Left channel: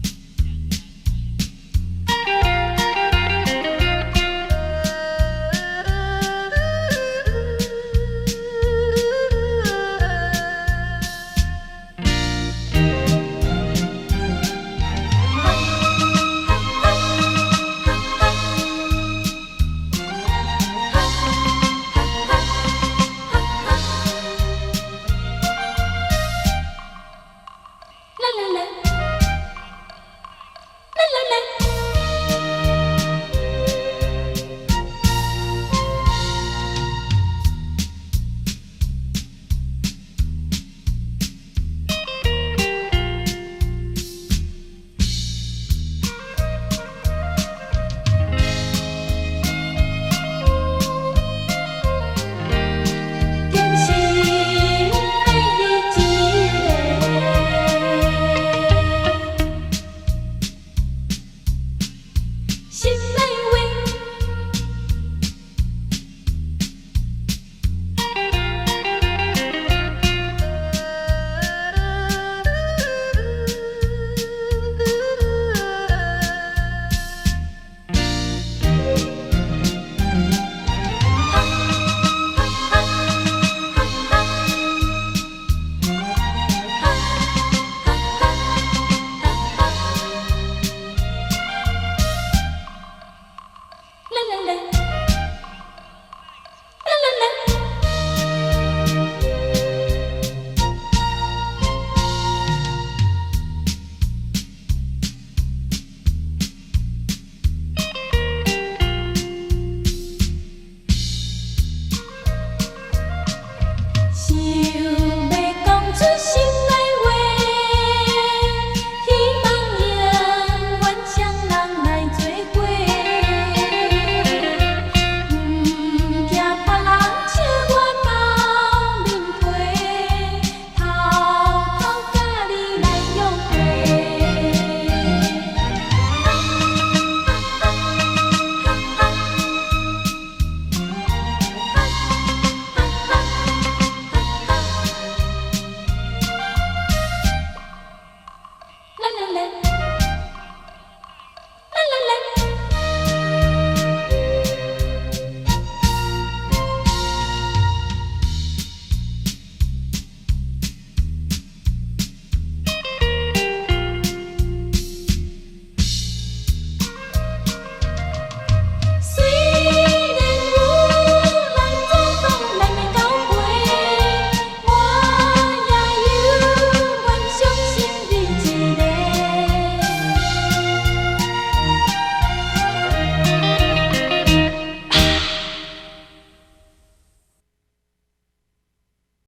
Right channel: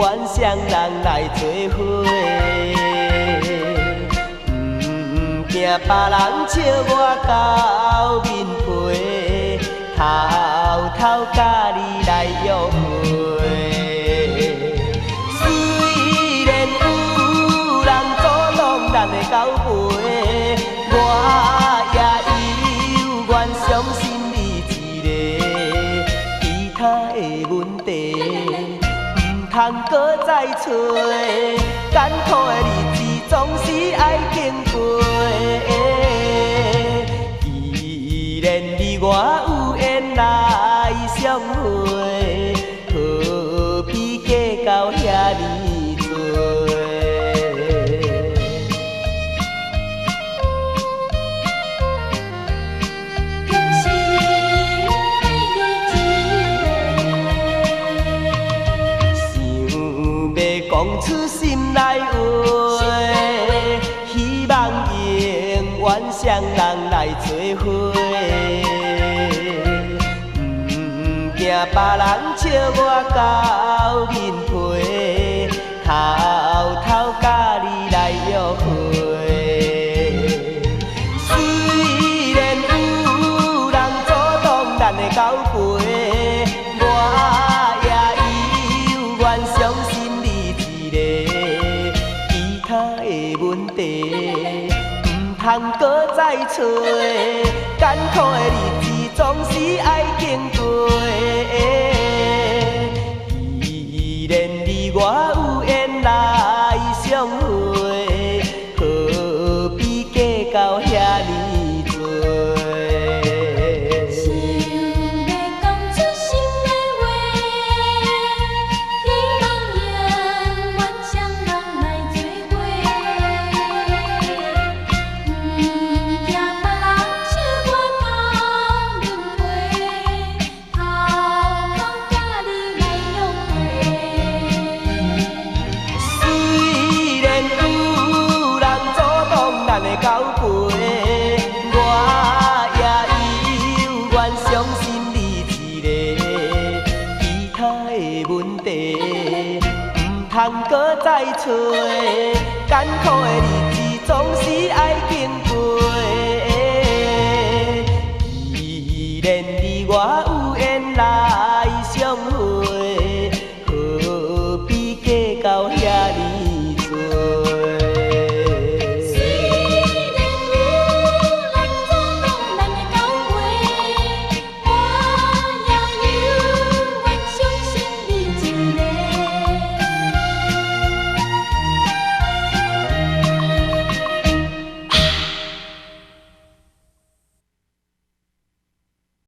愿双人来做伙。惊别人笑我到面皮，偷偷甲你来约会。虽然有人阻挡咱的交陪，我也有愿相信你一个。其他的问题，唔通搁再找，艰苦的日子总是爱经过。既然你我有缘来相会，何必计较遐尼多？想要讲出心内话，希望永远双人来做伙。惊别人笑我到面皮，偷偷甲你来约会。虽然有人阻挡咱的交陪，我也有愿相信你一个。其他的问题，唔通搁再找，艰苦的日子总是爱经过。既然你我有缘来相会，何必计较遐尼多？想要讲出心内话，希望永远双人来做伙。惊别人笑我到面皮，偷偷甲你来约会。虽然有人阻挡咱的交陪，我也有愿相信你一个。其他的问题，唔通搁再找，艰苦的日子总是爱经过。既然你我有